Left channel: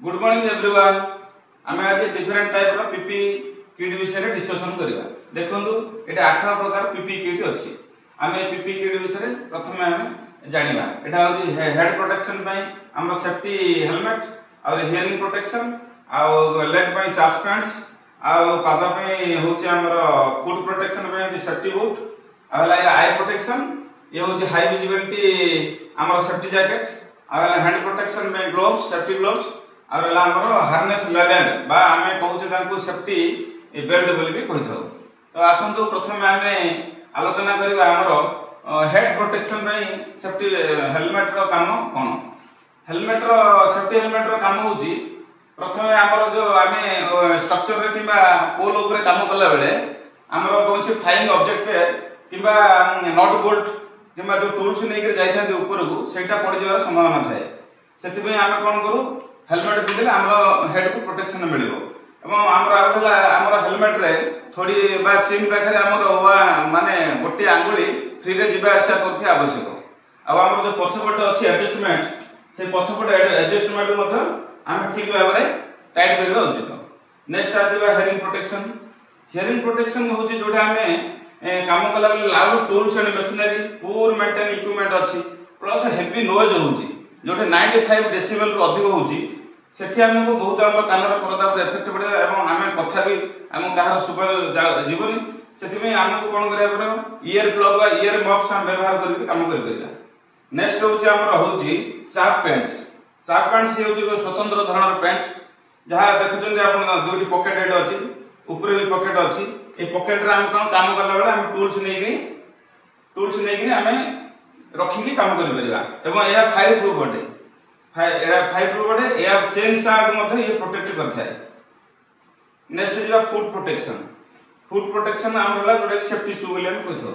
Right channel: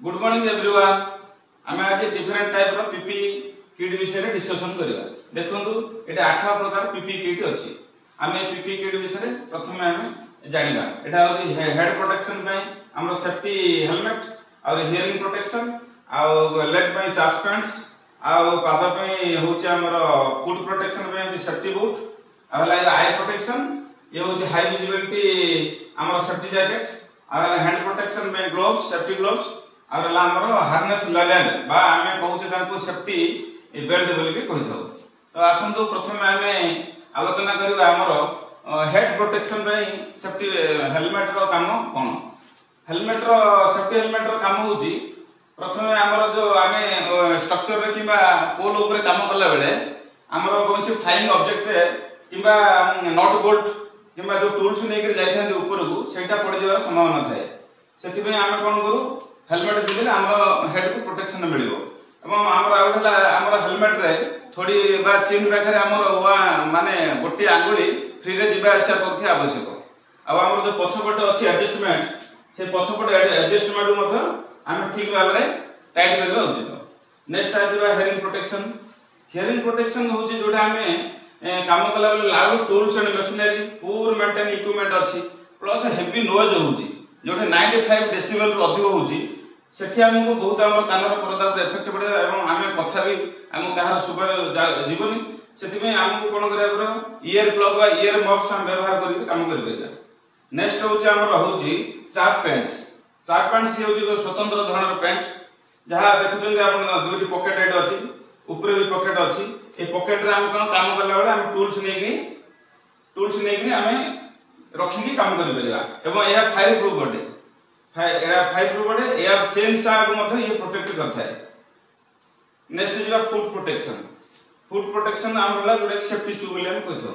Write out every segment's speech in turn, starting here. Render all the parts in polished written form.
Good morning everyone. आमे आज different type रो PP kit विषय डिस्कशन करिया। देखंतु एटा 8 प्रकार पीपी किट अछि। आमे पीपी किट विषय प्रथमे आमे जानिबा। एटा होती हेड प्रोटेक्शन पई हमरो सेफ्टी हेलमेट और हियरिंग प्रोटेक्शन और लेग पई चाफ पैंट्स और पाद पे होची हमरो फुट प्रोटेक्शन पे सेफ्टी बूट और आई प्रोटेक्शन ये होची हाई विजिबिलिटी हमरो सेफ्टी जैकेट और हैंड प्रोटेक्शन पे ग्लोव्स सेफ्टी ग्लोव्स और हमरो हार्नेस लेवल बा आमे कहूचे तांको सेफ्टी बेल्ट बोली भी कहिथौ। तो आसंतु प्रथमे आमे आलोचना करिबा हमरो हेड प्रोटेक्शन रे सेफ्टी हेलमेट रो काम कोन। हेलमेट रो सेफ्टी हेलमेट रो काम होची प्रथमे हमरो जो आमे स्ट्रक्चर रे किबा पोल ऊपर काम करला बेले हमरो कोनसे फ्लाइंग ऑब्जेक्ट रे किबा नट बोल्ट किबा जो टूल्स नै के जाय थांदे ऊपर को सेटा पड़ जवार संभावना थाए। सेति पे आमे कोन करू हेलमेट दिले हमरो हेड को प्रोटेक्शन मिलिबो। एवं हमरो आउला हमरो हेलमेट रे थोड़ी बा चेन पाखरे हमरो माने गोटी आंगुली फ्री रे जिबा आशा करथे आवश्यक। अब हमरो जो पछपट अछि एडजस्टमेंट से पछपट एडजस्टमेंट मधे आमे ठीक भाबरे टाइट करबा उचित। नेक्स्ट आजिबा हियरिंग प्रोटेक्शन। हियरिंग प्रोटेक्शन होची जोटा आमे काम कला बेले loud tools and machinery poor maintain equipment अछि प्लस हेवी नॉइज होची जोटे 95 डेसिबल रु अधिक होची सेठी हमको बहुत हमर कानर परदा पर इफेक्ट पड़े एवं आमे कथा भी हम कहार सुपर जीवनी सेति में हमको कोन करिया पड़ो ईयर प्लग वा ईयर मफ्स हम व्यवहार करि काम करि देला। नेक्स्ट होची हमर होची चाप पैंट्स। चाप पैंट्स हे होची स्वतंत्र धৰণৰ पैंट जहा देखुछन आपण दुटी पॉकेट हेड अछि ऊपर भी पॉकेट अछि। ए पॉकेट रे हम कोन काम करला बेले हम टूल्स नै कि हमें रखी के काम करि परिबा एवं एया फायर प्रूफ बटे फायर प्रूफ बटे एया चेन साग मध्ये ये प्रोटेक्ट करथाय। Next is foot protection. Foot protection हमला जोटे सेफ्टी शू बोले हम कहथो।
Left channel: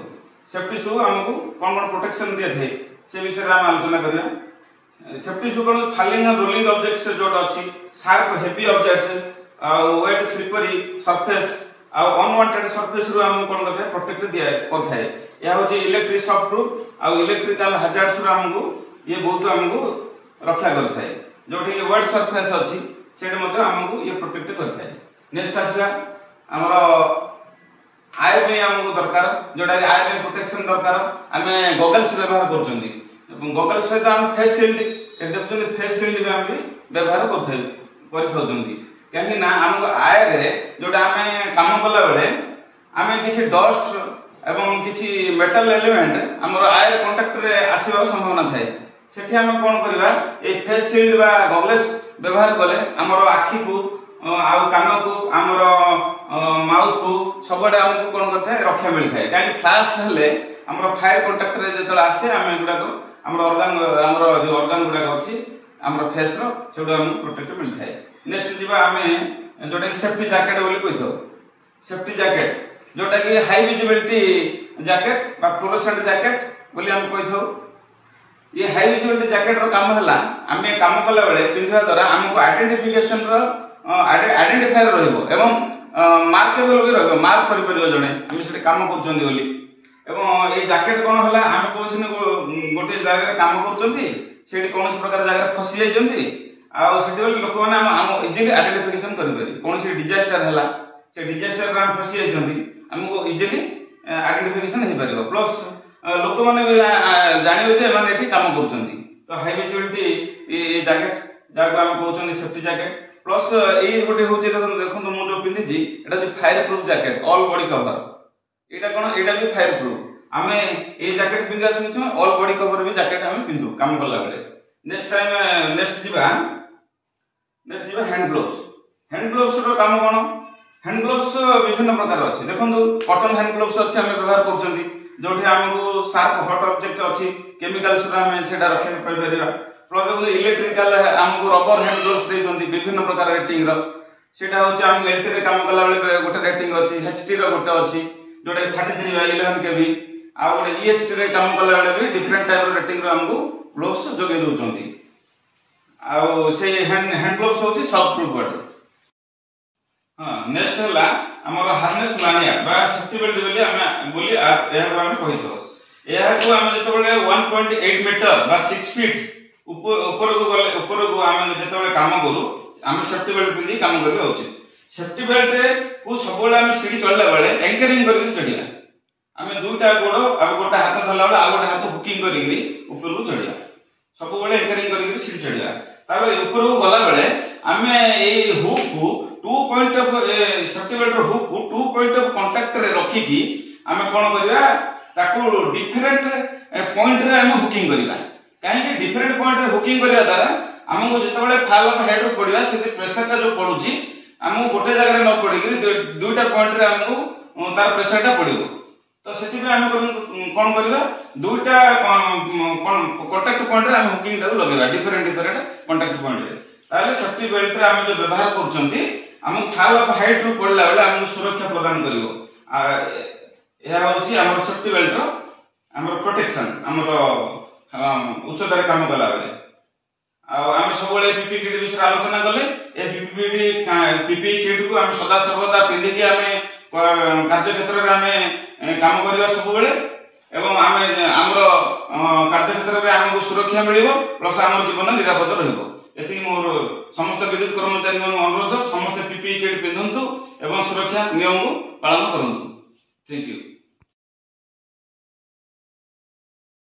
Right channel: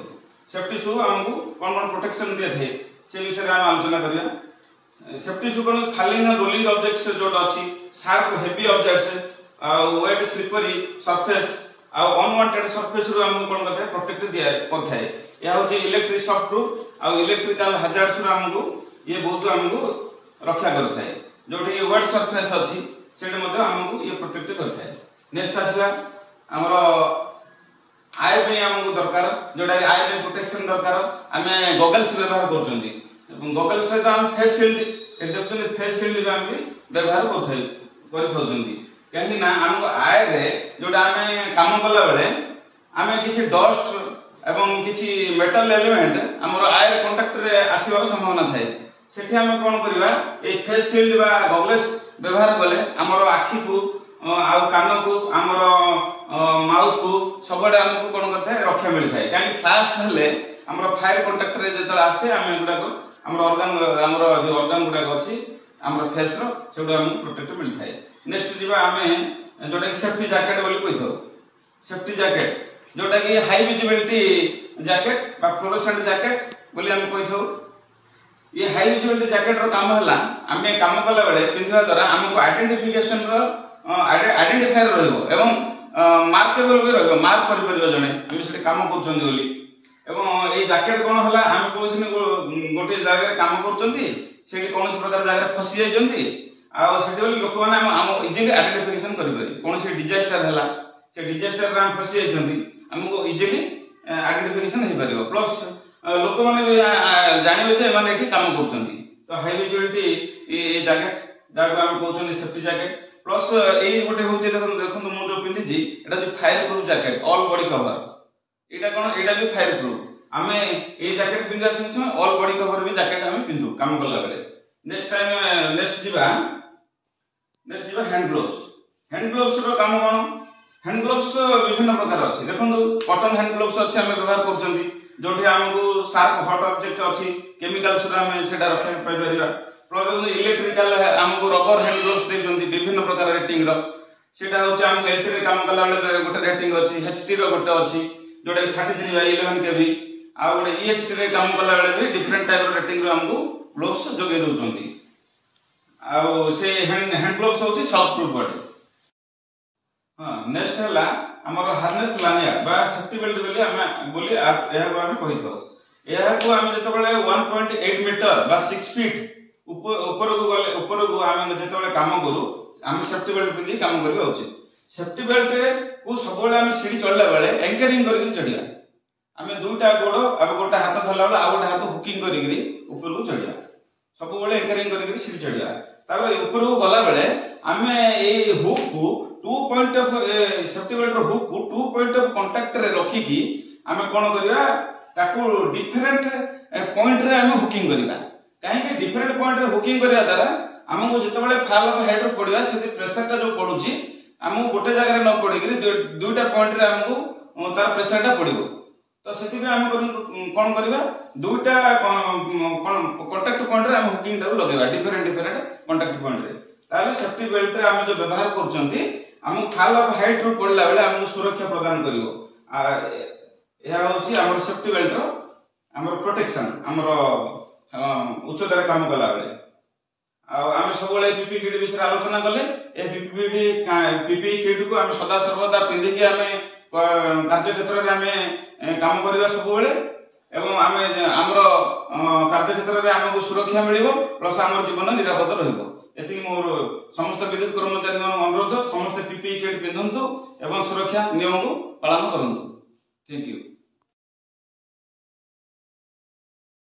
सेफ्टी शू हमको कोन प्रोटेक्शन दे थे से विषय हम आलोचना करिया। सेफ्टी शू कोन फॉलिंग और रोलिंग ऑब्जेक्ट्स जोट अछि sharp heavy objects wet slippery surface और अनवांटेड सरफेस रु हम कोन करथे प्रोटेक्ट दिया करथाय। या होची इलेक्ट्रिक शॉक प्रूफ और इलेक्ट्रिकल हैजार्ड्स रु हमको ये बहुत हमको रक्षा करथाय। जोटी वेट सरफेस अछि सेट मध्ये हमको ये प्रोटेक्ट करथाय। नेक्स्ट आछला हमरो आय पे हमको दरकार जोटा आय पे प्रोटेक्शन दरकार हमें गॉगल्स व्यवहार करचंदी। गॉगल्स सहित हम फेस शील्ड देखचंदी फेस शील्ड भी हम व्यवहार करथौचंदी कहीं ना हमको आय रे जोटा हमें काम करला बेले हमें किछि डस्ट एवं किछि मेटल एलिमेंट हमर आय रे कांटेक्ट रे आसीबार संभावना थाए। सेठी हम कोन करबा ए फेस शील्ड बा गॉगल्स व्यवहार कले हमर आखी को आ कान को हमर माउथ को सबडे हमको कोन करथे रक्षा मिल थाए। काई फ्लैश हले हमर फायर कांटेक्ट रे जेतल आसे हम गुडा को हमर ऑर्गन हमर जो ऑर्गन गुडा अछि हमर फेस रो सेडा हम प्रोटेक्ट मिल थाए। नेक्स्ट जीवा हमें जोटा सेफ्टी जैकेट बोली कहिथो। सेफ्टी जैकेट जोटा कि हाई विजिबिलिटी जैकेट बा फ्लोरोसेंट जैकेट बोली हम कहिथो। ये हाई विजिबिलिटी जैकेट रो काम हला हमें काम करला बेले पिंधवा द्वारा हमको आइडेंटिफिकेशन रो आइडेंटिफायर रहइबो एवं मार्केबल भी रहइबो मार्क करि परिबो जने हम सेठी काम करचंदी बोली। एवं ए जैकेट कोन हला हम कोसिन गोटे जगह रे काम करचंदी सेठी कोनस प्रकार जगह रे फसी जाइचंदी आ सेठी बोली लोक माने हम इजीली आइडेंटिफिकेशन करि पारि कोन से डिजास्टर हला से डिजास्टर रे हम फसी जाइचंदी हमको इजीली आइडेंटिफिकेशन हे परिबो प्लस लोक माने जानिबे जे माने एठी काम करचंदी। तो हाई विजिबिलिटी ए जैकेट जाको हम कहउचंदी सेफ्टी जैकेट प्लस ए गोटे होचे देखन मु जो पिंदी जी एटा जो fire proof jacket all body cover एटा कोन एटा भी फायर प्रूफ हमें ए जैकेट पिंदा सुनछ ऑल बॉडी कवर भी जैकेट हम पिंदु काम करला बेले। नेक्स्ट जीवा हैंड ग्लोव्स। हैंड ग्लोव्स रो काम कोन हैंड ग्लोव्स विभिन्न प्रकार अछि देखन कॉटन हैंड ग्लोव्स अछि हम व्यवहार करचंदी जोठी हमको शार्प हॉट ऑब्जेक्ट अछि केमिकल्स रो हम सेटा रखे पई परिबा प्लस इलेक्ट्रिकल हमको रबर हैंड ग्लोव्स दे जोंदी विभिन्न प्रकार रेटिंग रो सेटा होछि हम एलटी रे काम करला बेले गोटे रेटिंग अछि एचटी रो गोटे अछि जोटे 33/11 केवी आ गोटे ईएचटी रे काम करला बेले भी डिफरेंट टाइप रो रेटिंग रो हमको ग्लोव्स जोगे दोचंदी। आ से हैंड ग्लोव्स होछि शॉक प्रूफ बटे। हां नेक्स्ट हला हमर हार्नेस लानिया बा सेफ्टी बेल्ट बोली एहा को हम कहिथो। एहा को हम जेतबेले 1.8 मीटर बा 6 फीट ऊपर को हम जेतबेले काम करू आम सेफ्टी बेल्ट पिंधि काम करबा उचित। सेफ्टी बेल्ट रे को सब आम सीढ़ी चढ़ला बेले एंकरिंग करके चढ़िया। आम दुईटा गोड़ और गोटे हाथ धरला बेले आ गोटे हाथ हुकिंग करी ऊपर को चढ़िया। सब बेले एंकरिंग करके सीढ़ी चढ़िया। तापर ऊपर को गला बेले आम ए हुक को 2 पॉइंट ऑफ सेफ्टी बेल्ट रो हुक को 2 पॉइंट ऑफ कांटेक्ट रे रखी की आम कोन करबा ताको डिफरेंट पॉइंट रे आम हुकिंग करबा। काहे कि डिफरेंट पॉइंट रे हुकिंग करिया द्वारा हमको जितेबाला फॉल ऑफ हेड रो पड़िया से प्रेशर का जो पड़ुची हमको गोटे जगह न पड़ी दुईटा पॉइंट रे हमको तार प्रेशर टा पड़िबो। तो सेति में हम कोन करबा दुईटा कांटेक्ट पॉइंट रे हम हुकिंग टा लगेबा डिफरेंट कांटेक्ट पॉइंट रे। ताले सेफ्टी बेल्ट रे हम जो व्यवहार करछंती हम फॉल ऑफ हेड रो पड़ला बेले हमको सुरक्षा प्रदान करिवो। यह होची हमर सेफ्टी बेल्ट रो हमर प्रोटेक्शन हमर उच्चतार काम कला बेले। आम सब पीपी किट विषय आलोचना कले पीपी किट को आम सदा सर्वदा पिंधिकी आम कार्य क्षेत्र में आम काम करवा सब बेले एवं आम आमर कार्य क्षेत्र में आमको सुरक्षा मिलिबो प्लस आम जीवन निरापद रहइबो। एति मोर समस्त विद्युत कर्मचारी अनुरोध समस्त पीपी किट पिंधंतु एवं सुरक्षा नियम को पालन करंतु। Thank you.